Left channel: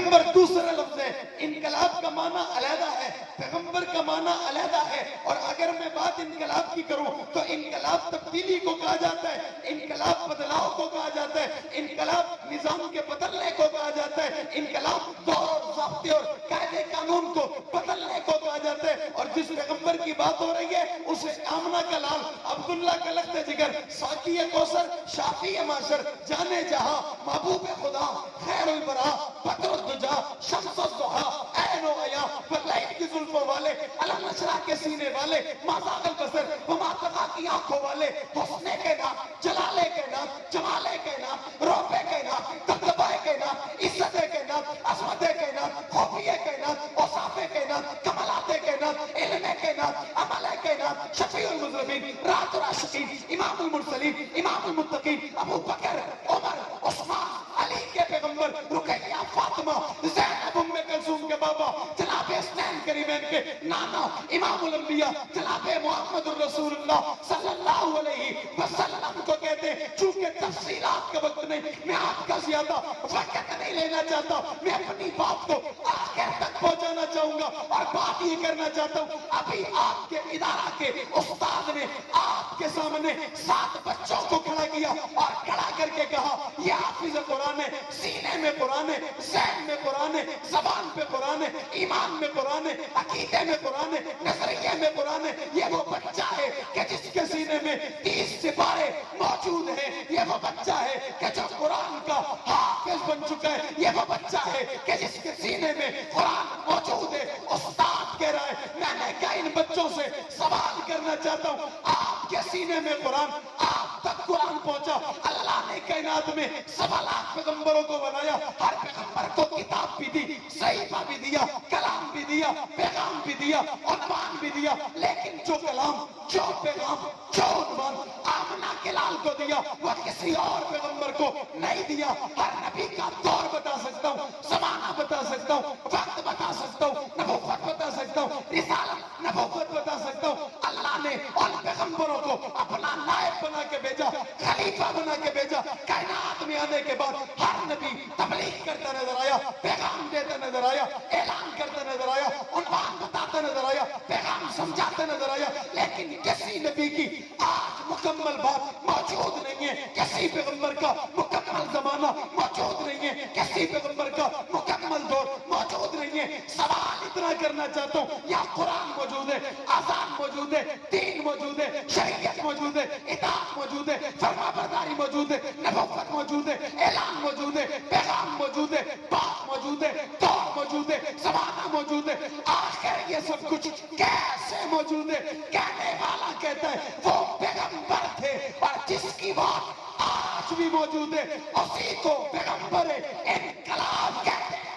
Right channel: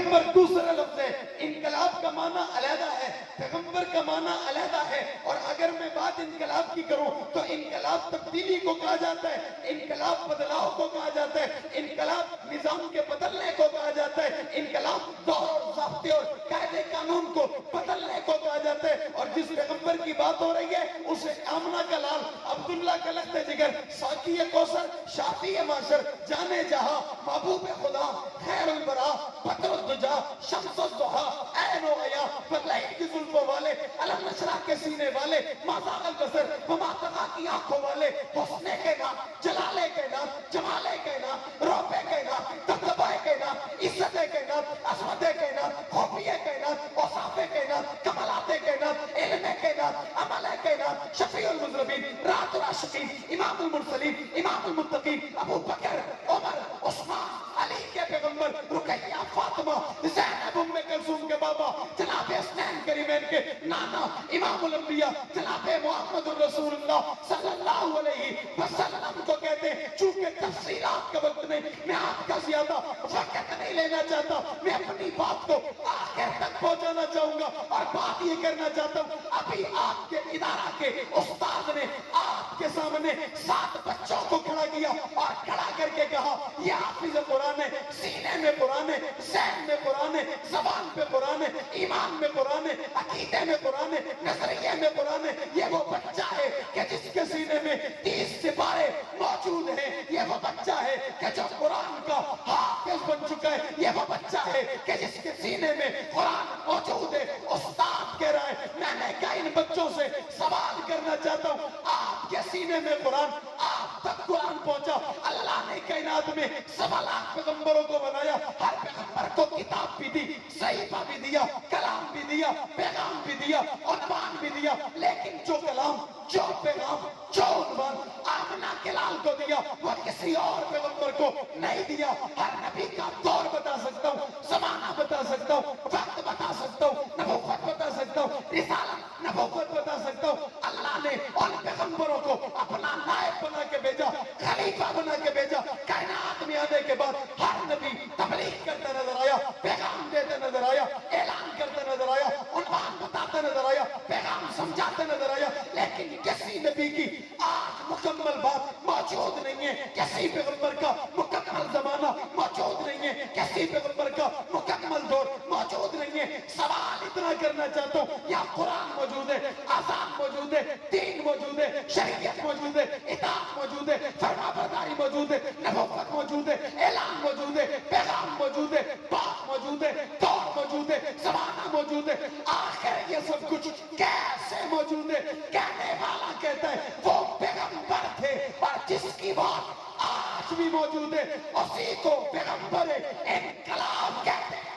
پیغمبر دوسرا لفظ ہے. انقلاب کا معنی علیحدہ ہے, پیغمبر کا معنی علیحدہ ہے. اور اگر میں بات انقلاب کی کروں تو انقلاب تبدیلی کو کہا جاتا ہے, انقلاب بدلاؤ کو کہا جاتا ہے, انقلاب نظام کے بدلنے کو کہا جاتا ہے, انقلاب دور ضابطے اور قاعدے قانون کو بدلنے کو کہا جاتا ہے. اور جس پیغمبر کی بات ہو رہی ہے اسے آمنہ کا لال, عبداللہ کا لخت جگر, ساقی کوثر, شافی معاشر, جانے جہاں, محبوب خدا, خیر البراء, بدر الدجا, شمس الضحا, عین و عیا, فرلعین کی زلفوں والے, علم نشرح کے سینے والے, مازاغ البصر وما طغیٰ کی آنکھوں والے, حسن کے نام, جلالے کے نام, جمالے کے نام, روبے کے نام, دبدبائے کے نام, عزت کے نام, عظمت کے نام, خوفیے کے نام, اوصاف کے نام, کمالات کے نام, علم کے نام, عمل کے نام, شفیع المذنبین, رات العاشقین, امام المرسلین, امام المتقین, ابو بکر, عمر, عثمان, علی کے پیغمبر, رقیہ, فاطمہ, زینب ام کلثوم کے بابا, جناب حسنین کریمین کے نانا, امام الانبیاء, جناب محمد الرسول اللہ صلی اللہ علیہ وسلم کو کہتے ہیں. چونکہ تفصیلات کا وقت نہیں, میں آپ کا زیادہ وقت نہیں لینا چاہتا, میں اپنی بات کو آخر تک پہنچانا چاہوں گا. اور بات یہ کرنا چاہتا ہوں, ابھی آپ کے ادارہ کے استاد نے آپ کے سامنے 7 بچوں کو کھڑا کیا اور کھڑا کر کے کہا یہ حافظ قرآن ہے, سینے میں قرآن ہے, ذہن میں قرآن ہے, زبان پہ قرآن ہے, ایمان میں قرآن ہے, عقیدے میں قرآن ہے, نظریے میں قرآن ہے. یہ وہ بچہ ہے کہ جس کے سینے میں 30 سپارے موجود ہیں. یہ وہ بچہ ہے کہ جو قرآن کا حافظ بن چکا ہے. یہ وہ بچہ ہے کہ جس کے سینے میں قرآن موجود ہے. استاد کہہ رہا ہے میں نے کہا ان بچوں سے سوال کرنا چاہتا ہوں, آپ کے سینے میں قرآن, آپ تک قرآن پہنچا. اللہ نے کائنات میں 1.25 لاکھ پیغمبروں کو بنایا, ہر پیغمبر کو کتاب بھی دی, صحیفہ بھی دیا, کلام بھی دیا, پیغام بھی دیا, عنوان بھی دیا. لیکن جو کلام, جو پیغام, جو عنوان آمنہ کے لال کو دیا وہ کسی اور پیغمبر کو نہیں دیا. ہر نبی کا دور بتا سکتا ہوں, زمانہ بتا سکتا ہوں, وقت بتا سکتا ہوں, نبوت بتا سکتا ہوں, رسالت نبوت بتا سکتا ہوں. اللہ نے ان پیغمبروں کو اپنا نائب بنا کے بھیجا, خلیفہ بنا کے بھیجا. کائنات میں آنے کے بعد ہر نبی تبلیغ کرتا نظر آیا, پیغام دیتا نظر آیا, اعلان کرتا نظر آیا, عنوان بتاتا نظر آیا, پیغام سمجھاتا نظر آیا. لیکن کسی نبی کی آج مکمل بات موجود نہیں ہے, کسی پیغمبر کا مکمل زمانہ موجود نہیں ہے, کسی پیغمبر کا مکمل دور موجود نہیں ہے. سوال اتنا کرنا چاہتا ہوں, یا قرآن موجود ہے, آذان موجود ہے, دین موجود ہے, شریعت موجود ہے, اطاعت موجود ہے, فرما برداری موجود ہے, نبوت موجود ہے, اعلان موجود ہے, پیغام موجود ہے, بات موجود ہے, دور موجود ہے, زمانہ موجود ہے. آخر یہ سب کچھ کیسے موجود ہے؟ کہنے والا کہتا ہے وہ پیغمبر تھے اور جس کی بات آج بھی موجود ہے اسی کو پیغمبر انقلاب کہتے ہیں.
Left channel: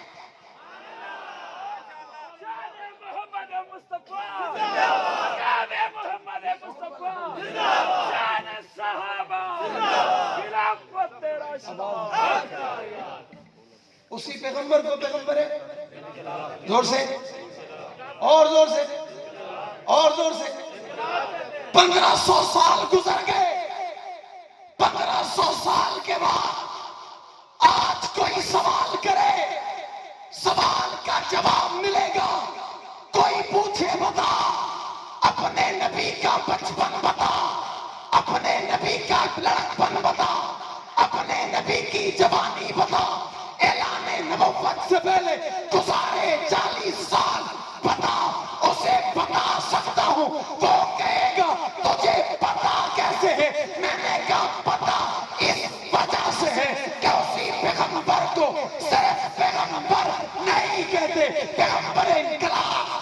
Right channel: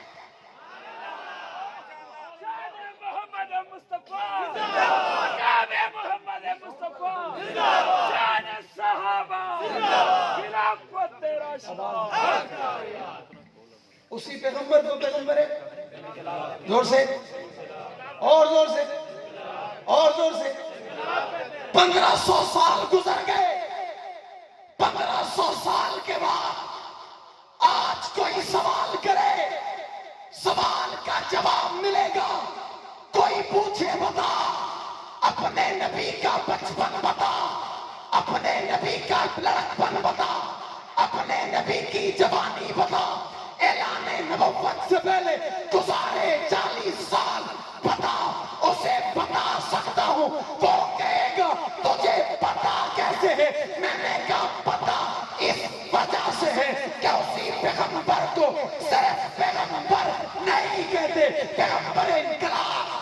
محمد مصطفیٰ, جان محمد مصطفیٰ, جان صحابہ, خلافت راشدہ. اسی پیغمبر کو پیغمبر ہے. زور سے, اور زور سے, اور زور سے. 1500 سال گزر گئے, 1500 سال کے بعد آج کوئی سوال کرے, سوال کا جواب ملے گا. کوئی پوچھے بتا, اپنے نبی کا بچپن بتا, اپنے نبی کا لڑکپن بتا, اپنے نبی کی جوانی بتا, اعلان نبوت سے پہلے گزارے 40 سال بتا. اسے بتا سکتا ہوں, وہ کہے گا تجھے پتا کیسے ہے؟ میں نے کہا پتا اس وجہ سے ہے کہ اسی پیغمبر کو صرف پیغمبر نہیں کہتے, پیغمبر انقلاب.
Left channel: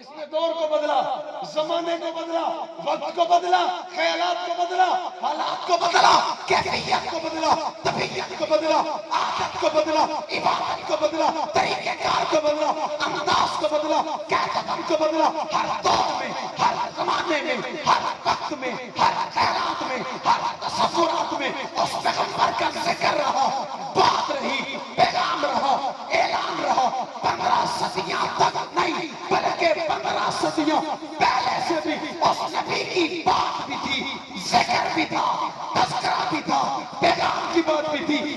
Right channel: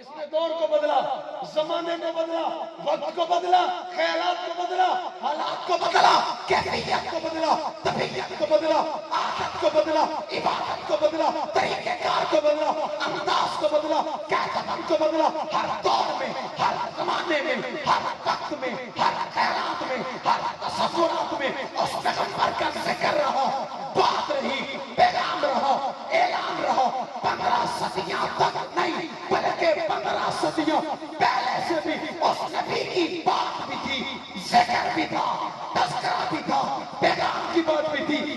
اس نے دور کو بدلا, زمانے کو بدلا, وقت کو بدلا, خیالات کو بدلا, حالات کو بدلا, کیفیت کو بدلا, طبیعت کو بدلا, عادت کو بدلا, عبادت کو بدلا, طریقہ کار کو بدلا, انداز کو بدلا, کہتمن کو بدلا. ہر دور میں, ہر زمانے میں, ہر وقت میں, ہر خیالات میں, ہر تصورات میں اس پیغمبر کا ذکر رہا, بات رہی, پیغام رہا, اعلان رہا. 15 صدیاں تک نہیں بلکہ 15 صدیوں پہلے سے بھی اس نبی کی بات بھی تھی, ذکر بھی تھا, تذکرہ بھی تھا, پیغام کی بات بھی تھی,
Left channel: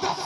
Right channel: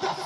10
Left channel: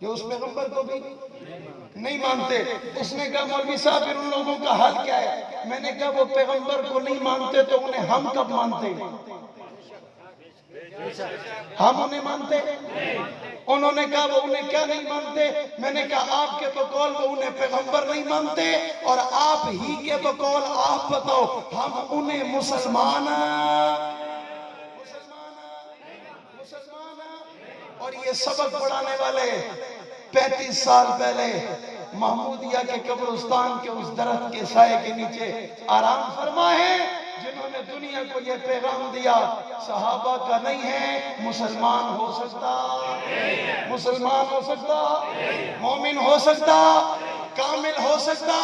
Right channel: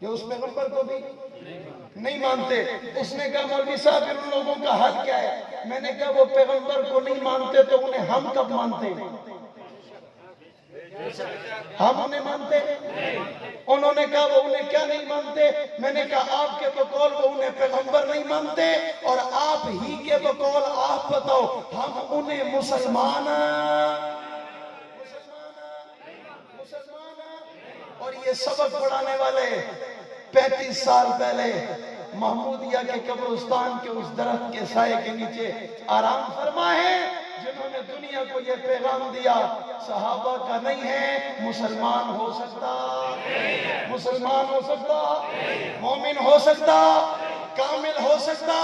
جو اس پیغمبر کو بھی نہیں مانتے. اس نے کہا مولوی صاحب ان لوگوں کا حل کیا ہے؟ میں نے کہا وہ پیغمبر کو نہیں مانتے تو انہیں ہم کب مانتے؟ ہم انہیں مانتے. انہوں نے کہا وہ انہیں کیا نہیں مانتے؟ میں نے کہا آپ کے بقول وہ انہیں پیغمبر نہیں مانتے اور آپ ہی کے بقول آپ بتاؤ ہم انہیں مسلمان اور یہ سبق پڑھانے والے 35 سال پہلے محمودیہ کے قبرستان کے اس درخت کے سائے کے نیچے آرام فرما ہے جنہوں نے دنیا کو یہ پیغام دیا صحابہ کا نہیں ہے مسلمان ہو سکتا مسلمان ہو سکتا مومن ہو سکتا کامل ہو سکتا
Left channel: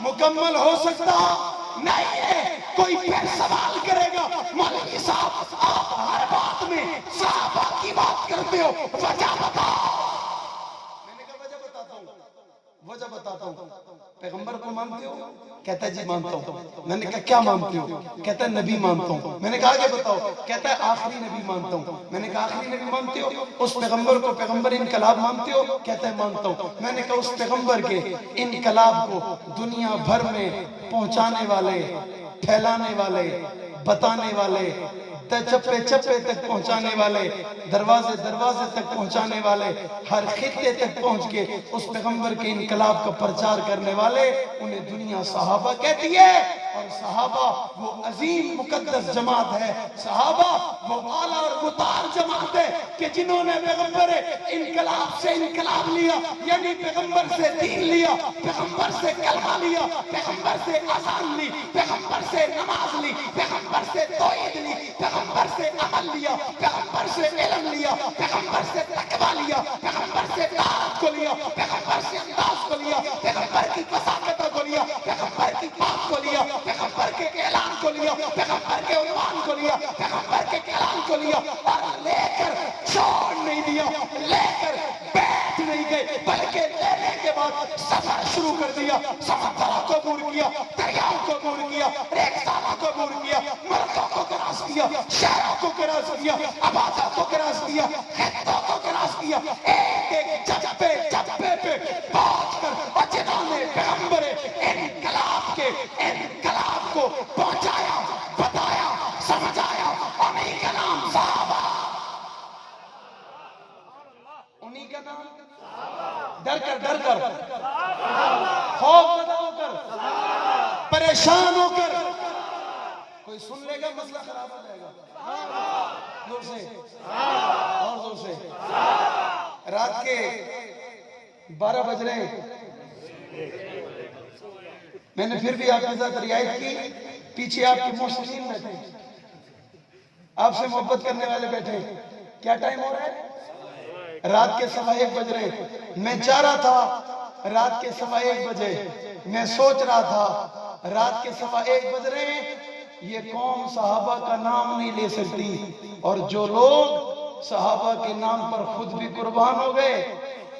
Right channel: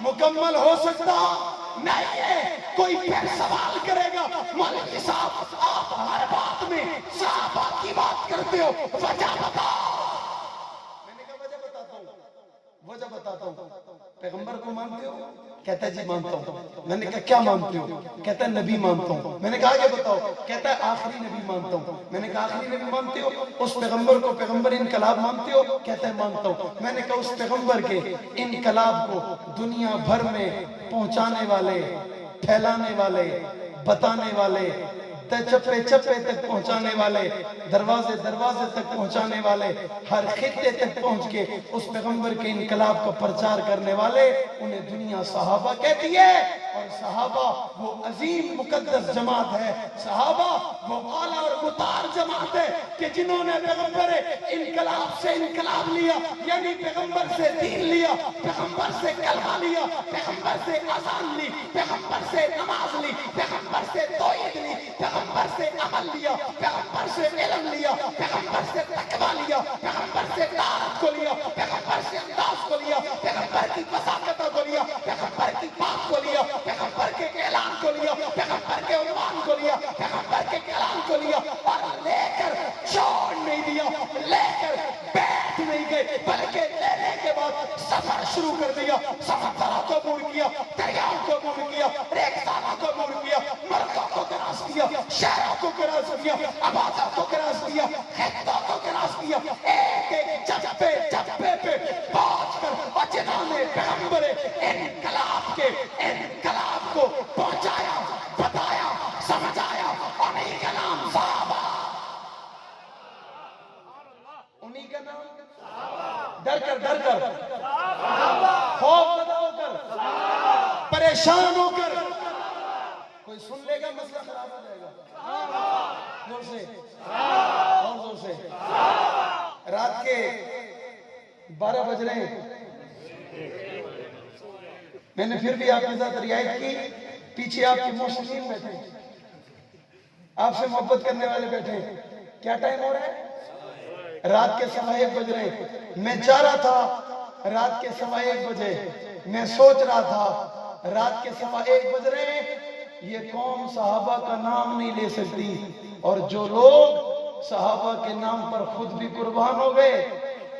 مکمل ہو سکتا نہیں ہے. کوئی پھر سوال کرے گا مولوی صاحب آپ ہر بات میں صحابہ کی بات کرتے ہو وجہ بتاؤ. میں نے کہا وجہ بتاتا ہوں. پیغمبر کو مانتے ہو؟ کہتا ہے جی مانتا ہوں. میں نے کہا کیا مانتے ہو؟ کہتا ہے نبی مانتا ہوں. میں نے کہا آگے بتاؤ. کہتا ہے آخری نبی مانتا ہوں. میں نے کہا آخری نبی مانتے ہو؟ اس پیغمبر کو پیغمبر انقلاب مانتے ہو؟ کہتا ہے مانتا ہوں. میں نے کہا اس پیغمبر کے انقلاب کو دنیا بھر میں پہنچانے والے پھیلانے والے بتانے والے چپے چپے تک پہنچانے والے دروازے دروازے تک پہنچانے والے ہر خطے تک پہنچ کے اس پیغمبر کے انقلاب کا پرچار کرنے والے انہیں دنیا صحابہ کہتی ہے. اور صحابہ وہ عظیم مقدس جماعت ہے. صحابہ وہ اعلیٰ اور مطہر جماعت ہے کہ جنہوں نے پیغمبر انقلاب سے انقلاب لیا یعنی پیغمبر سے دین لیا پیغمبر سے کلمہ لیا پیغمبر سے اذان لی پیغمبر سے نماز لی پیغمبر سے توحید لی پیغمبر سے عمل لیا پیغمبر سے علم لیا پیغمبر سے تقویٰ لیا پیغمبر سے طاعت کو لیا پیغمبر سے انداز کو لیا پیغمبر کی فساقتوں کو لیا پیغمبر کی بات کو لیا پیغمبر کے اعلان کو لیا پیغمبر کے عنوان کو لیا پیغمبر کے کلام کو لیا اور لے کر چھوڑ نہیں دیا لے کر بیٹھ نہیں گئے بلکہ لینے کے بعد سفر شروع کر دیا. سمندروں کو عبور کیا دریاؤں کو عبور کیا ریگستانوں کو عبور کیا ملکوں کو کراس کیا شہروں کو کراس کیا آبادوں کو کراس کیا خطوں کو کراس کیا ایک ایک جبے جبے پہ پہنچ کر اور جنہوں نے پیغمبر انقلاب کے انقلاب کو پہنچایا بتایا سمجھایا انہی کا نام صحابہ انہی کا نام ڈر کر خوف زدہ ہو کر پریشان ہو کر کوئی سن لے گا مسئلہ خراب ہو جائے گا. زور سے اور زور سے. رات کے 12 بج رہے ہیں. میں نے پھر بھی آپ کے ساتھ رعایت کی. پیچھے آپ کے محسنین بیٹھے آپ سے محبت کرنے والے بیٹھے. کیا ٹائم ہو رہا ہے؟ رات کے 1:15 بج رہے. میں چاہ رہا تھا رات کے 1:15 بجے میں سوچ رہا تھا رات کے 1:15 بج رہے یہ قوم صحابہ کا نام نہیں لے سکتی اور جو لوگ صحابہ کے نام پر خود بھی قربان ہو گئے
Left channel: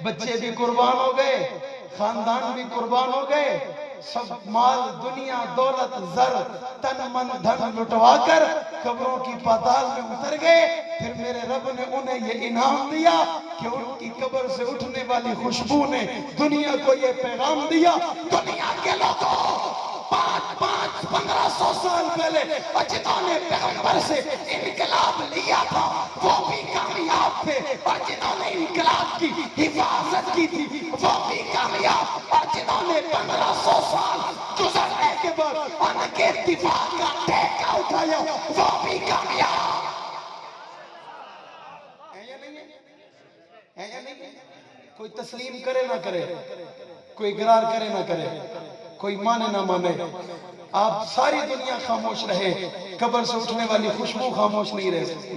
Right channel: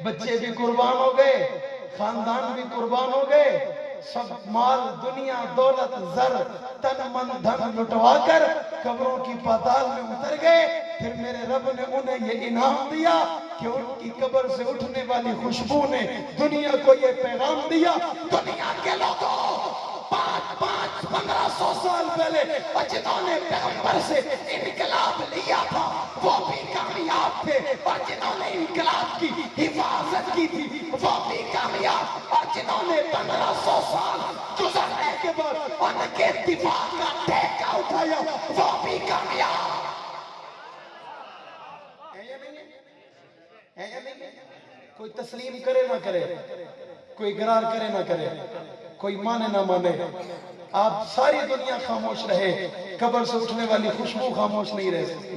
بچے بھی قربان ہو گئے خاندان بھی قربان ہو گئے سب مال دنیا دولت زر تن من دھن لٹوا کر قبروں کی پاتال میں اتر گئے. پھر میرے رب نے انہیں یہ انعام دیا کہ ان کی قبر سے اٹھنے والی خوشبو نے دنیا کو یہ پیغام دیا دنیا کے لوگوں 1500 سال پہلے اور جنہوں نے پیغمبر سے انقلاب لیا تھا وہ بھی کامیاب تھے اور جنہوں نے انقلاب کی حفاظت کی تھی وہ بھی کامیاب اور جنہوں نے 1500 سال گزرنے کے بعد ان کے دفاع کا ٹھیکہ اٹھایا وہ بھی کامیاب. کوئی تسلیم کرے نہ کرے کوئی اقرار کرے نہ کرے کوئی مانے نہ مانے آپ ساری دنیا خاموش رہے قبر سے اٹھنے والی خوشبو خاموش نہیں رہ سکتی.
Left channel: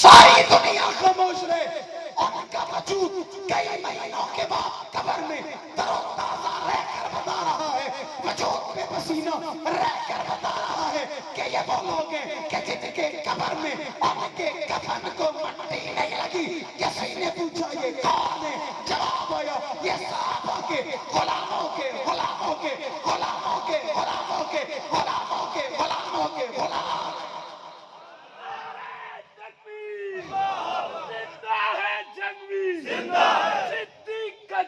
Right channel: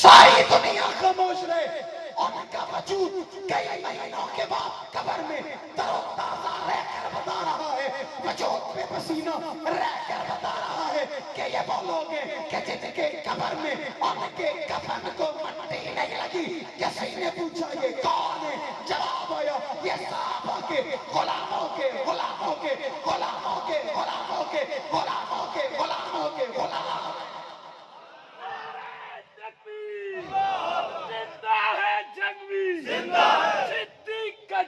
ساری دنیا خاموش رہے ان کا وجود کئی مہینوں کے بعد قبر میں تر و تازہ رہ کر بتا رہا ہے وجود میں پسینہ رہ کر بتا رہا ہے کہ یہ وہ لوگ ہیں کہ جن کے قبر میں ان کے کفن کو مٹی نہیں لگی. کسی نے پوچھا یہ کون ہے جواب آیا یہ صحابہ کے غلاموں کے غلاموں کے غلاموں کے غلاموں کے غلاموں کے غلاموں کے غلام. زندہ ہے جنگی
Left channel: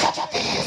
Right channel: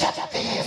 36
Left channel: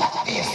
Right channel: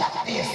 36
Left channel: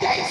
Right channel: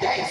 23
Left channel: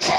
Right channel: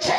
6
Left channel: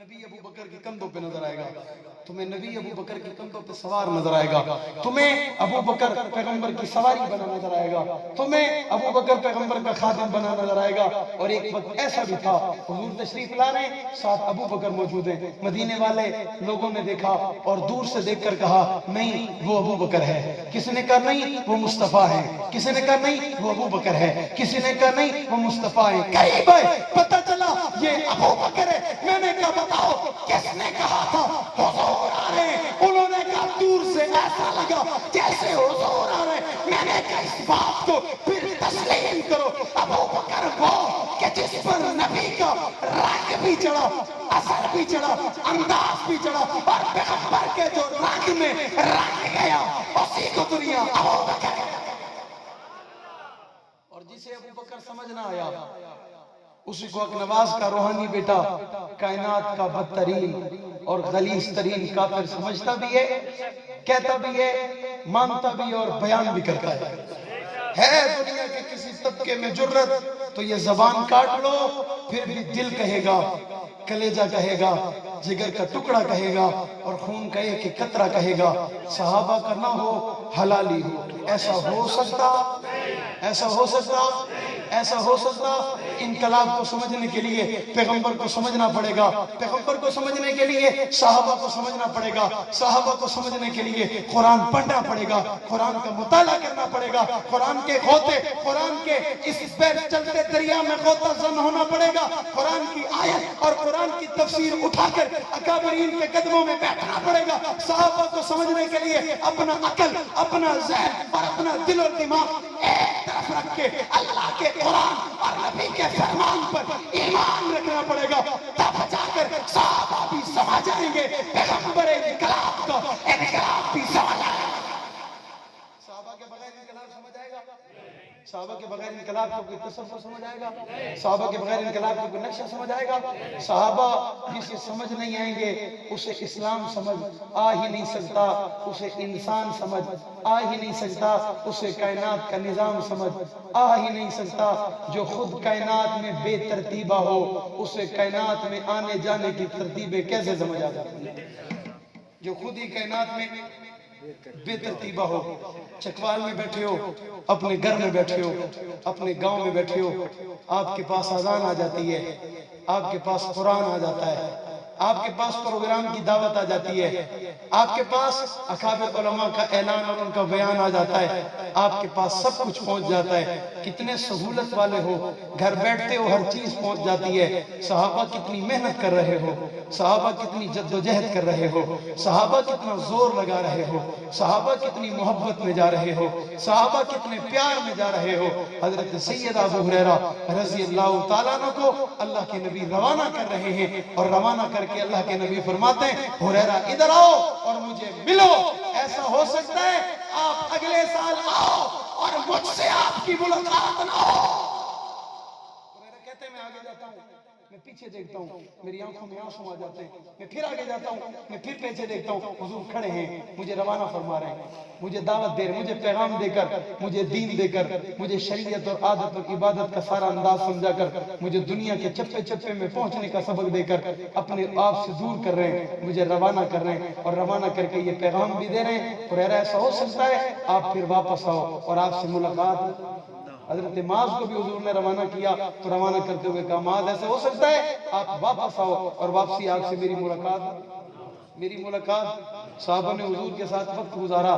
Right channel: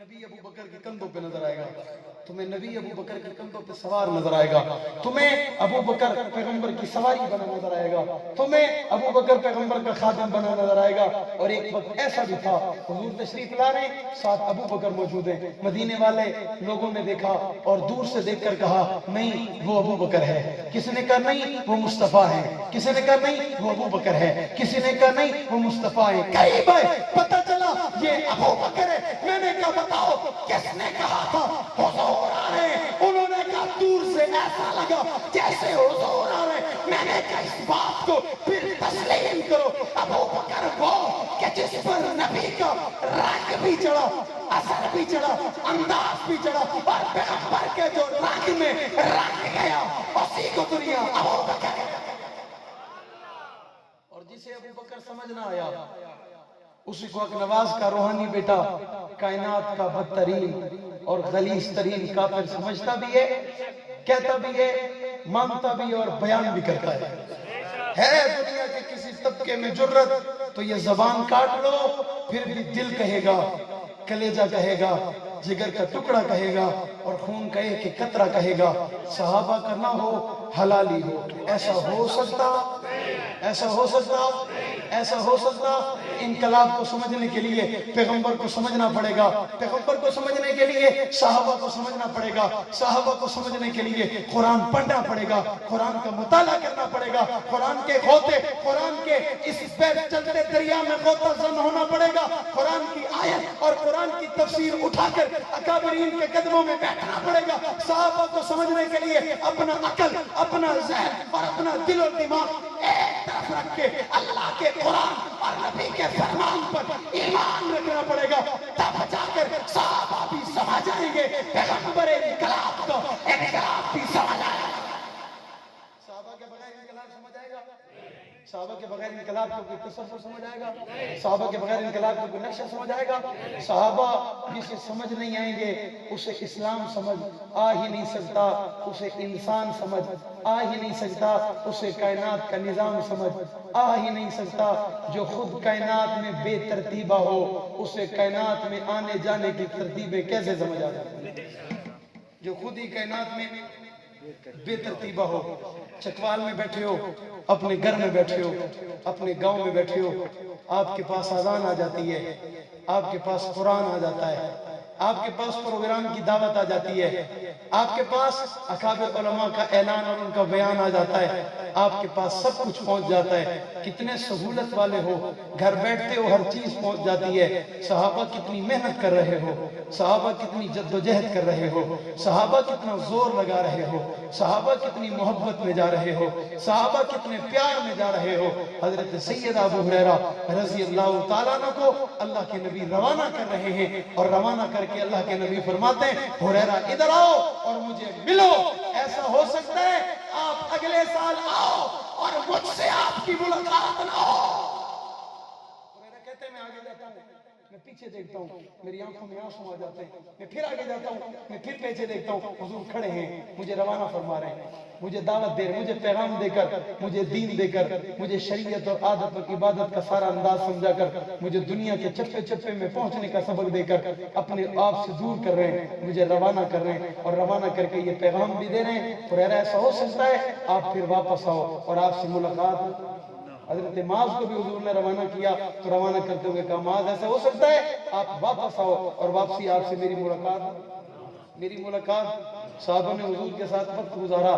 نبی ابو بکر کے کندھوں پہ نظر آئے گا، تمہیں نبی ابو بکر کے کندھوں پہ سوار نظر آئے گا، تمہیں ابو بکر پیغمبر کی سواری بنا نظر آئے گا، تمہیں ابو بکر پیغمبر کا خادم بنا نظر آئے گا۔ اور ایک وقت ایسا بھی تھا حضور تشریف لا رہے ہیں، ساتھ ابو بکر موجود ہیں، مدینے والے لوگوں نے دیکھا اور دور سے دیکھ کر کہا نہیں وہ ابو بکر ہے، کسی نے کہا نہیں وہ مصطفیٰ ہے، کسی نے کہا نہیں وہ ابو بکر ہے، کسی نے کہا نہیں وہ مصطفیٰ ہے، قریب ہے پتہ چلا یہ ابو بکر ہے۔ میں نے کہا بتاؤ کس نے کہا تھا حضور آ رہے ہیں؟ انہوں نے کہا دور سے ایسا لگا جیسے حضور آ رہے ہیں۔ میں نے کہا اس بات کو پھر تسلیم کرو، ابو بکر وہ کہ جس پر نبی کا رنگ بھی چڑھا، اثر بھی چڑھا، انداز بھی چڑھا، اور پیغمبر کے جو رنگ میں رنگ گیا اسی کو دنیا ابو بکر۔ اور جسے ابو بکر سمجھ نہ آیا اسی کو حق نواز کا روحانی بیٹا کائنات کا بدترین اور غلیظ ترین کافر سمجھتا بھی ہے، کہتا بھی ہے، مانتا بھی اور بیان بھی کرتا ہے دنیا کے کسی طبقے میں جرت تو یہ زبان کاٹ لو پھر بھی دل کہے گا، کلیجہ کہے گا، جگر کا ٹکڑا کہے گا، اور خون کا ایک ایک قطرہ کہے گا صحابہ کا نہ ہو حلالی ہو۔ ایسا ہو سکتا، ایسا ہو سکتا، ایسا ہو سکتا؟ انقلاب کو سمجھنے کے لیے پیغمبر کو سمجھنا پڑے گا، پیغمبر کو سمجھنے کے لیے صحابہ کو سمجھنا پڑے گا، صحابہ کو سمجھنے کے لیے قرآن پڑھنا پڑے گا، قرآن کا مطالعہ کرنا پڑے گا، قرآن کے غوطے، قرآن کے اس پیر چلتے دریا میں غوطہ زن ہونا پڑے گا، قرآن کی آیت اور قرآن کی تفسیر اٹھا کر اکابرین کے قدموں میں بیٹھنا پڑے گا۔ صحابہ کو سمجھنے کے لیے اپنا عقل، اپنا ذہن اور اپنا دل و دماغ ایک طرف رکھ کے اللہ کے قرآن اور نبی کے فرمان پر ایمان رکھنا پڑے گا، تب جا کر صحابہ بھی سمجھ آئیں گے، پیغمبر انقلاب کا انقلاب بھی سمجھ آئے گا۔ صحابہ کے بغیر انقلاب سمجھ آئے گا؟ صحابہ کے بغیر انقلاب کو کوئی تصور سمجھ آئے گا؟ صحابہ کے بغیر انقلاب کو کوئی نقشہ سمجھ آئے گا؟ صحابہ جسے سمجھ نہیں آئیں گے اسے اسلام سمجھ آ ہی نہیں سکتا، اسے انسان سمجھ آ ہی نہیں سکتا، اسے کائنات کا نظام سمجھ آ ہی نہیں سکتا۔ جو خود کائنات میں بے ترتیبہ ہو اسے کائنات میں آنے جانے کی ترتیبیں کیسے سمجھ آ جاتی ہیں؟ جو خود ہی کائنات میں بے ترتیبہ ہو، چکوال میں بیٹھے ہو، اپنے گھر میں بیٹھے ہو، اپنے گاؤں میں بیٹھے ہو، آپ کے پاس اذان آ جاتی ہے، آپ کے پاس قرآن آ جاتا ہے، آپ کے پاس پروگرام کی دعوت آ جاتی ہے، آپ کے پاس اکابر علماء کا اعلان اور ان کا بیان آ جاتا ہے، آپ کے پاس سب کچھ پہنچ جاتا ہے، کتنے سہولت والے ہو، گھر بیٹھتے ہو ہر چیز پہنچ جاتی ہے۔ صحابہ کتنی محنت کر رہے ہو، صحابہ کتنی جد و جہد کر رہے ہو، صحابہ کتنا زور لگا رہے ہو، صحابہ کتنی محبت میں جا رہے ہو، صحابہ کتنے پیار میں جا رہے ہو۔ حضرت سید ابو ہریرہ رضی اللہ تعالیٰ عنہ کو اللہ کے نبی روانہ کر رہے ہیں، اور روانہ کر کے اللہ کے نبی فرماتے ہیں ہریرہ ادھر آؤ اور مجھے ملو۔ ایسا ہو سکتا ہے آپ اگلے سال آؤ اور مجھ سے آپ کی ملاقات نہ ہو۔ ہریرہ کہتے ہیں میں آگے جاتا ہوں، میں پیچھے دیکھتا ہوں، میری آنکھوں میں آنسو آ جاتے ہیں، میں پھر آگے جاتا ہوں، میں پھر پیچھے دیکھتا ہوں، حضور کھڑے ہیں، مجھے روانہ فرما رہے ہیں، مجھے دعوت دے رہے ہیں، مجھے پیغام دے کر، مجھے دین دے کر، مجھے شریعت اور عادت اور عبادت کا سارا انداز سمجھا کر، مجھے دنیا کے چپے چپے میں پہنچنے کا سبق دے کر اپنے آپ سے دور کر رہے ہیں، مجھے روانہ کر رہے ہیں، اور روانہ کر کے یہ پیغام بھی دے رہے ہیں۔ ہریرہ ایسا ہو سکتا ہے آپ پھر واپس آؤ اور آپ سے ملاقات۔ حضرت معاذ کو بھی حضور نے روانہ کیا تو روانہ کرتے ہوئے کہا معاذ ایسا ہو سکتا ہے آپ واپس آؤ اور واپسی آپ سے میری ملاقات۔ صحابہ نے حضور کے ساتھ وقت گزارا،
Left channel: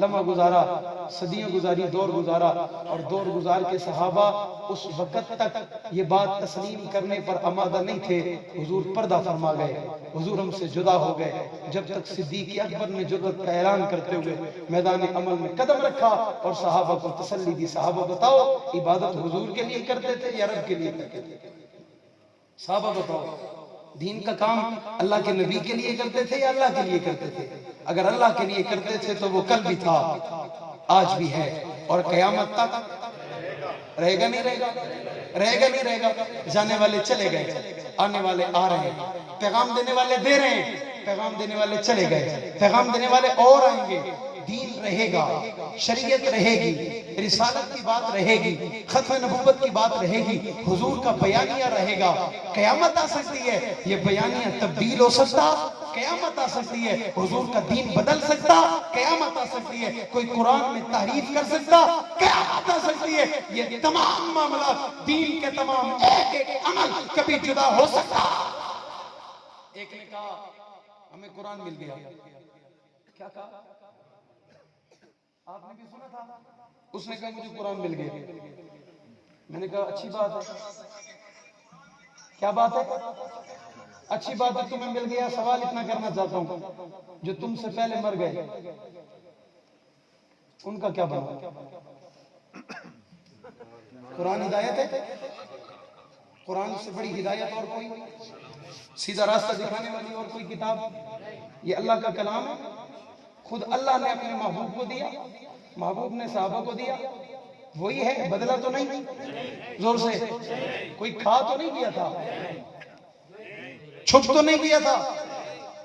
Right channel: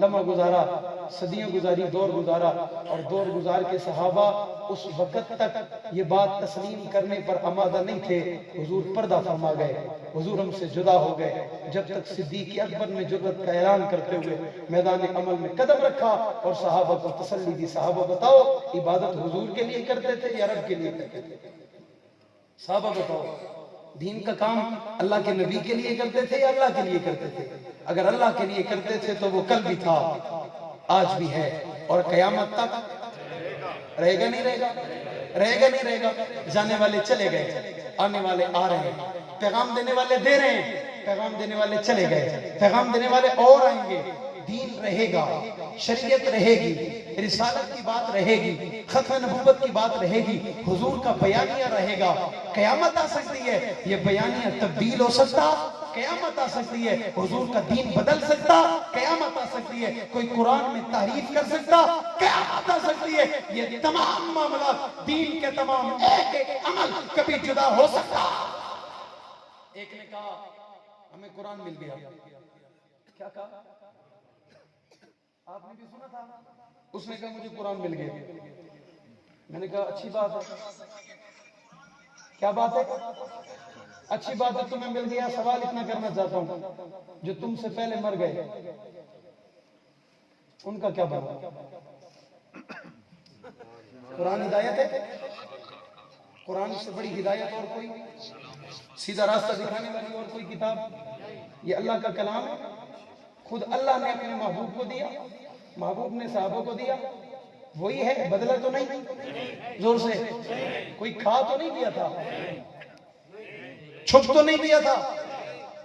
لمحہ گزارا، صدیاں گزاری، دور گزارا، اور دور گزار کے صحابہ اس وقت تک یہ بات تسلیم کرنے پر آمادہ نہیں تھے، حضور پردہ فرما گئے، حضور ہم سے جدا ہو گئے، جب تک صدیق اکبر نے جرأت کا اعلان کرتے ہوئے میدان عمل میں قدم رکھا اور صحابہ کو تسلی دی۔ صحابہ بتاؤ عبادت حضور کے لیے کرتے تھے یا رب کے لیے کرتے تھے؟ صحابہ بتاؤ دین کا کام اللہ کے نبی کے لیے کرتے تھے یا اللہ کے لیے کرتے تھے؟ اگر اللہ کے لیے کرتے تھے تو وہ کل بھی تھا، آج بھی ہے، اور قیامت تک رہے گا نہیں رہے گا، رہے گا نہیں رہے گا۔ جانے والے چلے گئے، آنے والے آ رہے ہیں، پیغام دینے والے دے رہے ہیں، پیغام دینے والے چلے گئے، پیغام دینے والے اور آئیں گے۔ دین رہے گا، شریعت رہے گی، رسالت کی بات رہے گی، ختم نبوت کی بات رہے گی، حضور کا بیانیہ رہے گا، قیامت آ سکتی ہے، یہ بیانیہ تبدیل ہو سکتا، قیامت آ سکتی ہے، حضور کا دین بدل سکتا، قیامت آ سکتی ہے، کوئی قرآن میں تحریف کر سکتا، قیامت آ سکتی ہے، یہ تمام معاملات دین کے تمام ایک ایک عمل کبھی جدا ہو سکتا۔ ایک نے کہا ہمیں قرآن مل گیا، کیا کہا؟ آپ نے بھی سنا تھا؟ اس نے کہا مجھے قرآن مل گیا۔ میں نے کہا اچھی بات ہے۔ کیا بات ہے؟ اچھی بات ہے تمہیں مل گیا۔ سوال اتنا کرنا چاہتا ہوں، جو تم سے پہلے مر گئے ان کا کیا بنا؟ قرآن ہدایت ہے؟ قرآن سے بڑی ہدایت اور کوئی سیدھا راستہ دکھانے والی اور کوئی کتاب؟ یہ اللہ کا کلام ہے، خود اللہ نے اپنے محبوب کو دیا، محبوب نے صحابہ کو دیا، وہی ہے، بدلا تو نہیں؟ زور سے کوئی کھا تو نہیں دیا تھا، چھپ تو نہیں دیا تھا،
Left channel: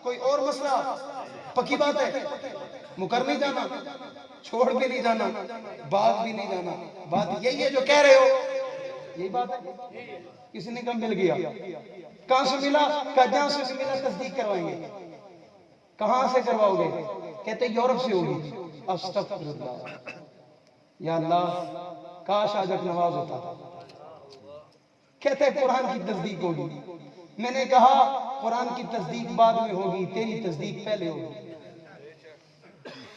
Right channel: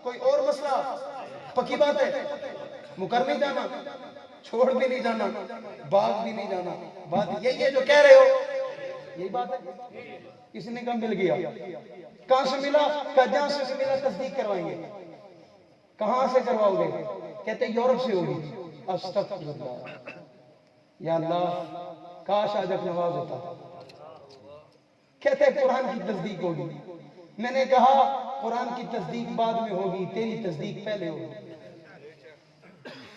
کوئی اور مسئلہ؟ پکی بات ہے، مکر نہیں جانا، چھوڑ بھی نہیں جانا، باغ بھی نہیں جانا، بات یہی ہے جو کہہ رہے ہو، یہی بات ہے۔ کسی نے کہا مل گیا، کہاں سے ملا؟ کہا جہاں سے ملا تصدیق کروائیں گے۔ کہاں سے کرواؤ گے؟ کہتے یورپ سے ہوگی۔ استغفر اللہ، یا اللہ کاش آج اپنے نواز ہوتا۔ کہتے قرآن کی تصدیق ہوگی۔ میں نے کہا قرآن کی تصدیق بعد میں ہوگی، تیری تصدیق پہلے ہوگی۔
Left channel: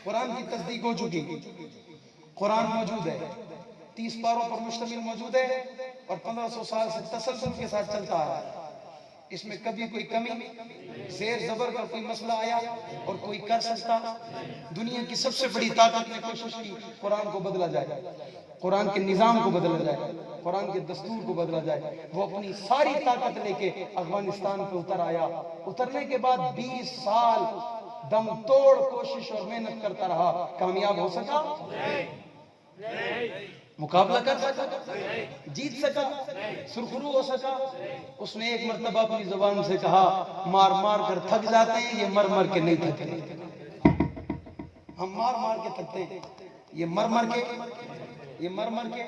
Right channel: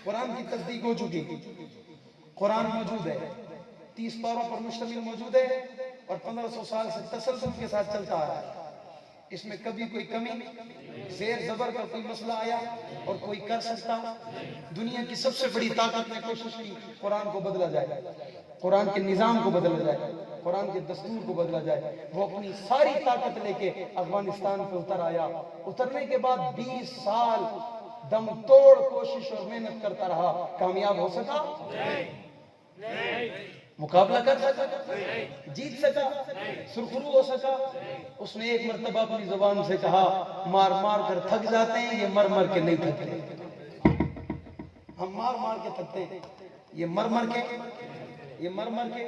قرآن کی تصدیق ہو چکی، قرآن موجود ہے، 30 پاروں پر مشتمل موجود ہے اور 1500 سال سے تسلسل کے ساتھ چلتا آ رہا ہے۔ اس میں کبھی کوئی کمی زیر زبر کا کوئی مسئلہ آیا اور کوئی کر سکتا؟ دنیا کی سب سے بڑی طاقت نے کوشش کی قرآن کو بدلا جائے، قرآن کے نظام کو بدلا جائے، قرآن کے دستور کو بدلا جائے۔ وہ اپنی ساری طاقت لے کے افغانستان پہ اتر آیا، اترنے کے بعد 20 سال دم توڑ کوشش اور محنت کرتا رہا، کامیاب ہو سکا؟ مقابلہ کر سکا؟ جیت سکا؟ سرخرو ہو سکا؟ اس نے ایک مرتبہ اپنی زبان سے کہا مار مار کر تھک جاتے ہیں، یہ مر مر کے نہیں تھکتے۔ ہم مار مار کے تھکتے ہیں، یہ مر مر کے۔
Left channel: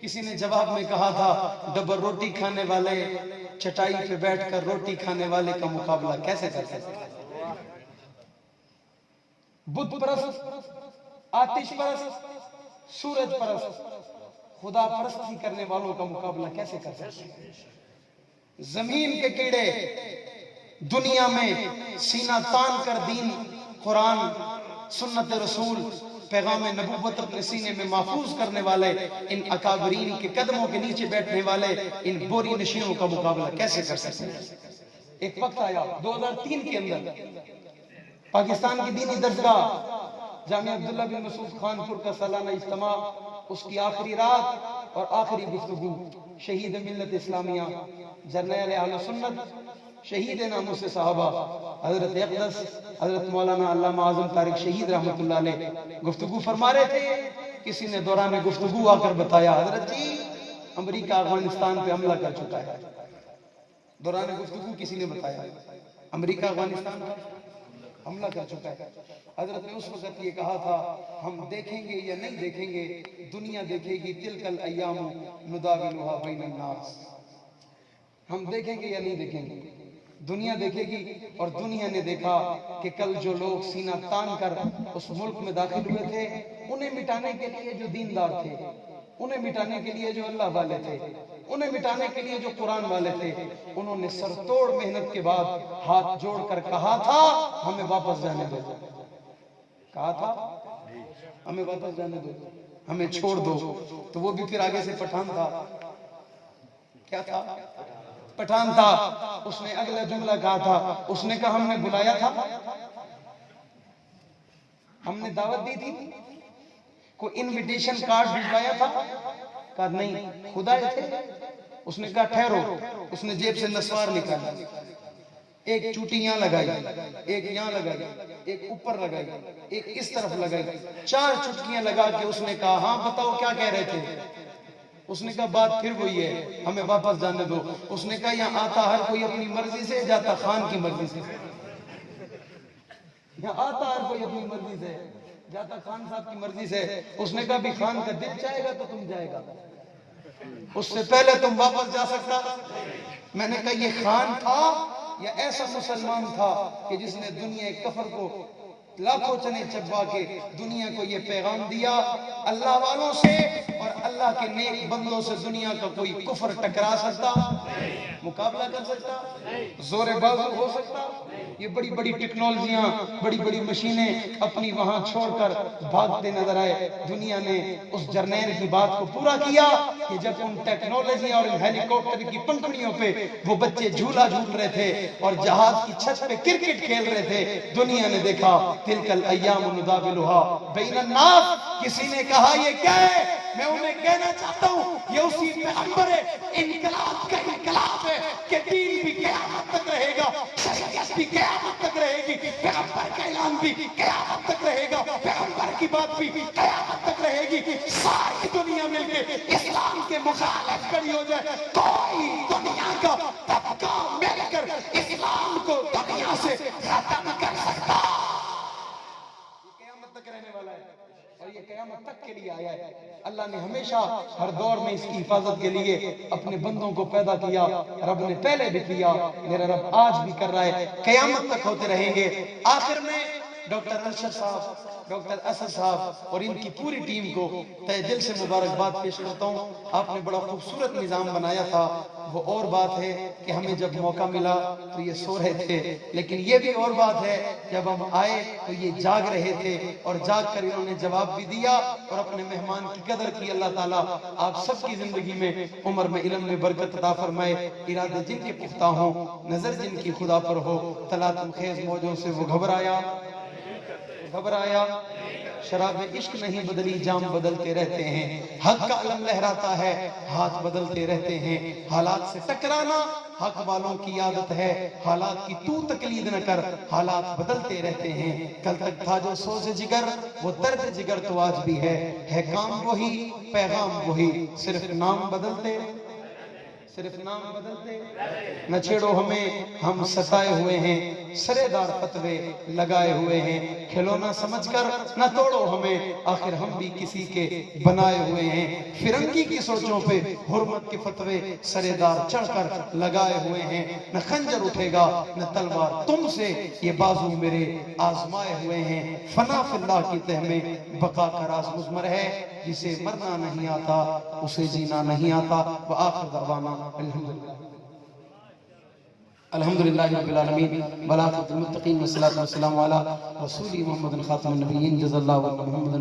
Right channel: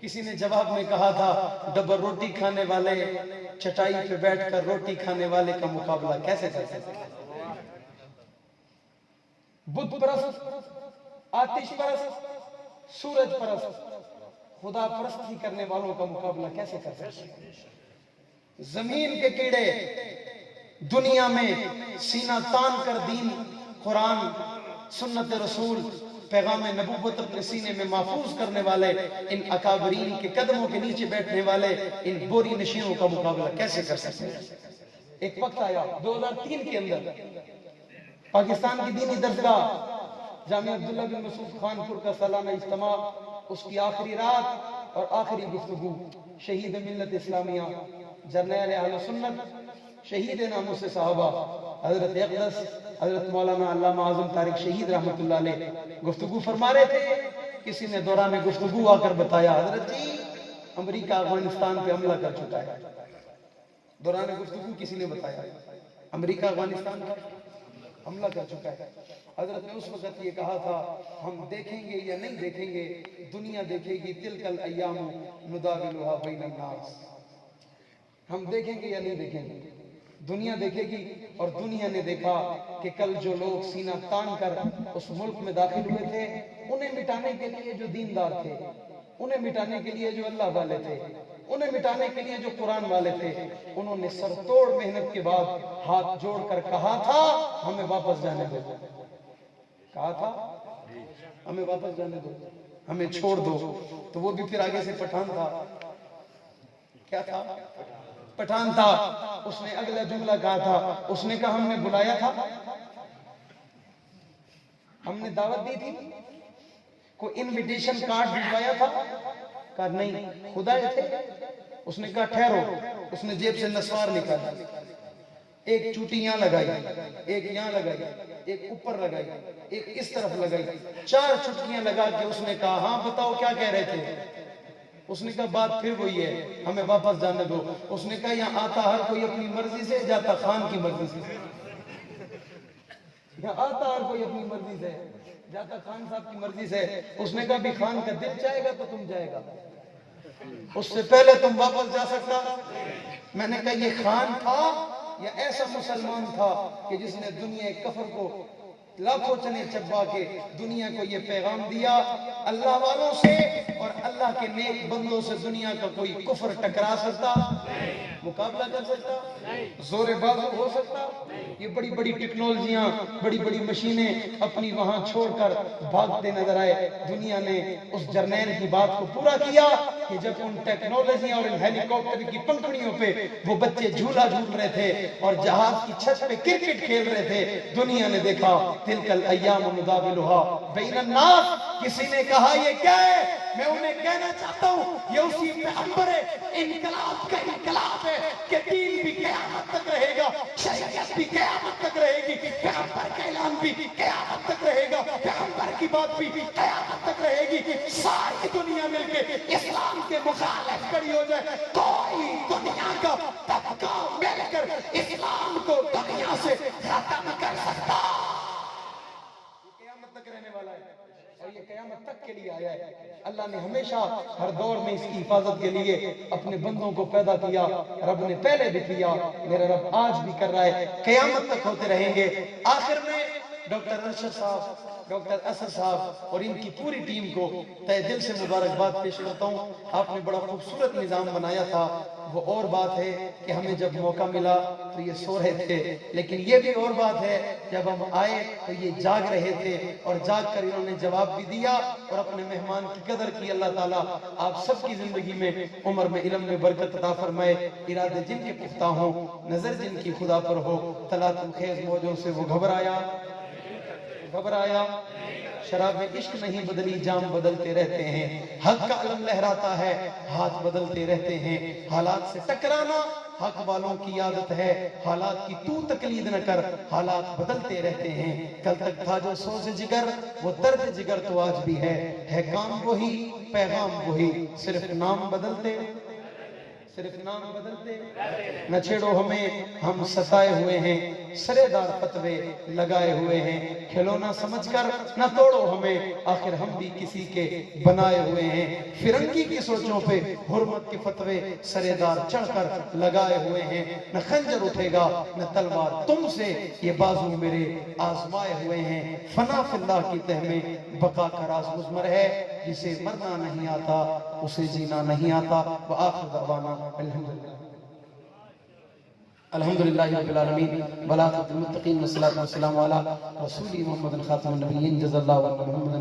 کسی نے جواب میں کہا تھا ڈبل روٹی کھانے والے چٹائی پہ بیٹھ کر روٹی کھانے والے کا مقابلہ کیسے کر سکتے؟ بت پرست، آتش پرست، سورج پرست، خدا پرستی کرنے والوں کا مقابلہ کیسے کر سکتے؟ زمین کے کیڑے دنیا میں سینہ تان کر دین، قرآن، سنت رسول، پیغام نبوت اپنے سینے میں محفوظ کرنے والے ان اکابرین کے قدموں کے نیچے بیٹھنے والے ان بوری نشینوں کا مقابلہ کیسے کر سکتے ہیں؟ ایک وقت آیا 2003 کے اندر پاکستان کی دینی درسگاہ جامعہ عبداللہ بن مسعود خانپور کا سالانہ اجتماع، اس کی آخری رات اور آخری گفتگو، شہید ملت اسلامیہ، جرنیل اہل سنت، شہید ناموس صحابہ حضرت اقدس حضرت مولانا علامہ اعظم طارق شہید رحمۃ اللہ علیہ گفتگو فرما رہے تھے۔ کسی نے دوران گفتگو آ کر بتایا حضرت جی امریکہ افغانستان پہ حملہ کر چکا ہے۔ دوران گفتگو کسی نے بتایا امریکہ افغانستان پر حملہ کر چکا ہے۔ حضرت نے اس وقت یہ کہا تھا ہم دیکھیں گے یا نہیں دیکھیں گے، دنیا دیکھے گی، تلک الایام نداولھا بین الناس۔ ہم دیکھیں گے یا نہیں دیکھیں گے، دنیا دیکھے گی۔ اور دنیا نے دیکھا کہ کل جو لوگ سینہ تان کر اس ملک میں داخل ہوئے تھے، انہیں مٹانے کے لیے جو دیندار تھے، انہیں مٹانے کے لیے جو اللہ والے تھے، انہیں مٹانے کے لیے جو قرآن والے تھے، انہوں نے سر توڑ محنت کے بعد ہاتھ جوڑ کر کہا تھا ہمیں واپس جانے دو، کہا تھا ہمیں واپس جانے دو، ہمیں چھوڑ دو۔ تو وہ بھی پھر آگے سے پٹھان تھا، کیا تھا؟ پٹھان تھا۔ اس نے اگلا جملہ کہا تھا، اس نے کہا ہم نے بلایا تھا، ہم نے دعوت دی تھی، کوئی انویٹیشن کارڈ بھجوایا تھا؟ کہا نہیں، خدا تھے۔ اس نے کہا ٹھہرو، اس نے جیب سے نسوار نکالا، ایک چوٹی یہاں لگائی، ایک یہاں لگائی، ایک اوپر لگائی، ایک اس طرف لگائی، 4 چٹکیاں لگا کے اس نے کہا ہاں بتاؤ کیا کہہ رہے تھے؟ اس نے کہا بات پھر وہی ہے، ہمیں واپس جانے دو۔ اس نے کہا یہاں آتا ہر کوئی اپنی مرضی سے، جاتا خان کی مرضی سے۔ یہاں آتا ہر کوئی اپنی مرضی سے، جاتا خان صاحب کی مرضی سے. اس نے کہا بھی خان کا دل چاہے گا تو تم جائے گا, اس سے پہلے تم واپس جا سکتا. میں نے کہا یہ خان تھا یا ایسا مسلمان تھا کہ جس نے دنیا کفر کو لاکھوں چنے چبا کے دنیا کو یہ پیغام دیا, اللہ والوں سے اور اللہ کے نیک بندوں سے دنیا کا کوئی کفر ٹکرا سکتا, مقابلہ کر سکتا, زور بازو ہو سکتا. یہ بڑی بڑی ٹیکنالوجیاں, بڑی بڑی مشینیں اپنی وہاں چھوڑ کر بھاگتے نظر آئے. دنیا نے اس جرنیل کی بات کو پورا کیا کہ جب ان ٹیکنالوجیاں اور ان ہیلی کاپٹر کی پنکھڑیوں پہ وہ بچے جھولا جھول رہے تھے اور جہاز کی چھت پہ کرکٹ کھیل رہے تھے, دنیا نے دیکھا تلک الایام نداولها بین الناس. کسی نے کہا یہ کیا ہے؟ میں انہیں کہنا چاہتا ہوں یہ اسی پیغمبر انقلاب کا انقلاب ہے کہ دین بھی قیامت تک رہے گا, شریعت بھی قیامت تک رہے گی, پیغمبر کا اعلان بھی قیامت تک رہے گا, پیغمبر کی بات بھی قیامت تک رہے گی. ساری دنیا مل کے اسلام کے مخالف کھڑی ہو جائے, کوئی دنیا کا طبقہ مل کر اسلام کو دنیا سے ختم کر سکتا. یہ قیامت تک رہنے والا ہے اور یہ قیامت تک کے لیے آیا ہے. اللہ نے ہمیشہ ہر دور میں اس کی حفاظت کے لیے اپنے بندوں کو پیدا کیا. رب نے پہلے بھی کیا, میرا رب آج بھی کر رہا ہے, قیامت تک ہوتے رہیں گے. آخر میں ڈاکٹر ارشد صاحب, ڈاکٹر اسد صاحب اور ان کی پوری ٹیم کو تہ دل سے مبارکباد پیش کرتا ہوں. آپ نے بڑا خوبصورت نظام بنایا تھا. وہ اور بات ہے کہ ہمیں جب موقع ملا تو یہ سو رہے تھے, لیکن یہ بھی اور بات ہے جب ہم آئے تو یہ جاگ رہے تھے اور جاگ کر انہوں نے جواب بھی دیا اور اپنے مہمان کی قدر کی. اللہ تعالیٰ آپ سب کی زندگی میں عمر میں علم میں برکت عطا فرمائے. ارادے جن کے پختہ ہوں, نظر جن کی خدا پر ہو, تلاطم خیز موجوں سے وہ گھبرایا, شراب عشق نہیں بدلی, جام بدلتے رہتے ہیں. حق کا علم لہراتا ہے, ہاتھ بدلتے رہتے ہیں. حالات سے ٹکرانا حق والوں کی عادت ہے, حالات کی تو تقلید نہ کر, حالات بدلتے رہتے ہیں. کل تک تھا جو سوز جگر, وہ درد جگر تو آج بھی ہے کام وہی, پیغام وہی, صرف نام بدلتے, صرف نام بدلتے. نہ چھیڑو ہمیں, ہم ستائے ہوئے ہیں, سرے دار فتوے لگائے ہوئے ہیں. کھلونا سمجھ کر نہ توڑو ہمیں, آخر ہم بھی کسی کے بنائے ہوئے ہیں. فرنگی کی سوچوں پہ حرمت کے فتوے سرے دار چڑھ کر لگائے ہوئے ہیں. نہ خنجر اٹھے گا نہ تلوار تم سے, یہ بازو میرے آزمائے ہوئے ہیں. فنا فی اللہ کی تہ میں بقا کا راز مضمر ہے, جسے مرنا نہیں آتا اسے جینا نہیں آتا. وآخر دعوانا الحمدللہ رب العالمین والعاقبۃ للمتقین والصلاۃ والسلام علی رسول محمد خاتم النبیین جزا اللہ محمد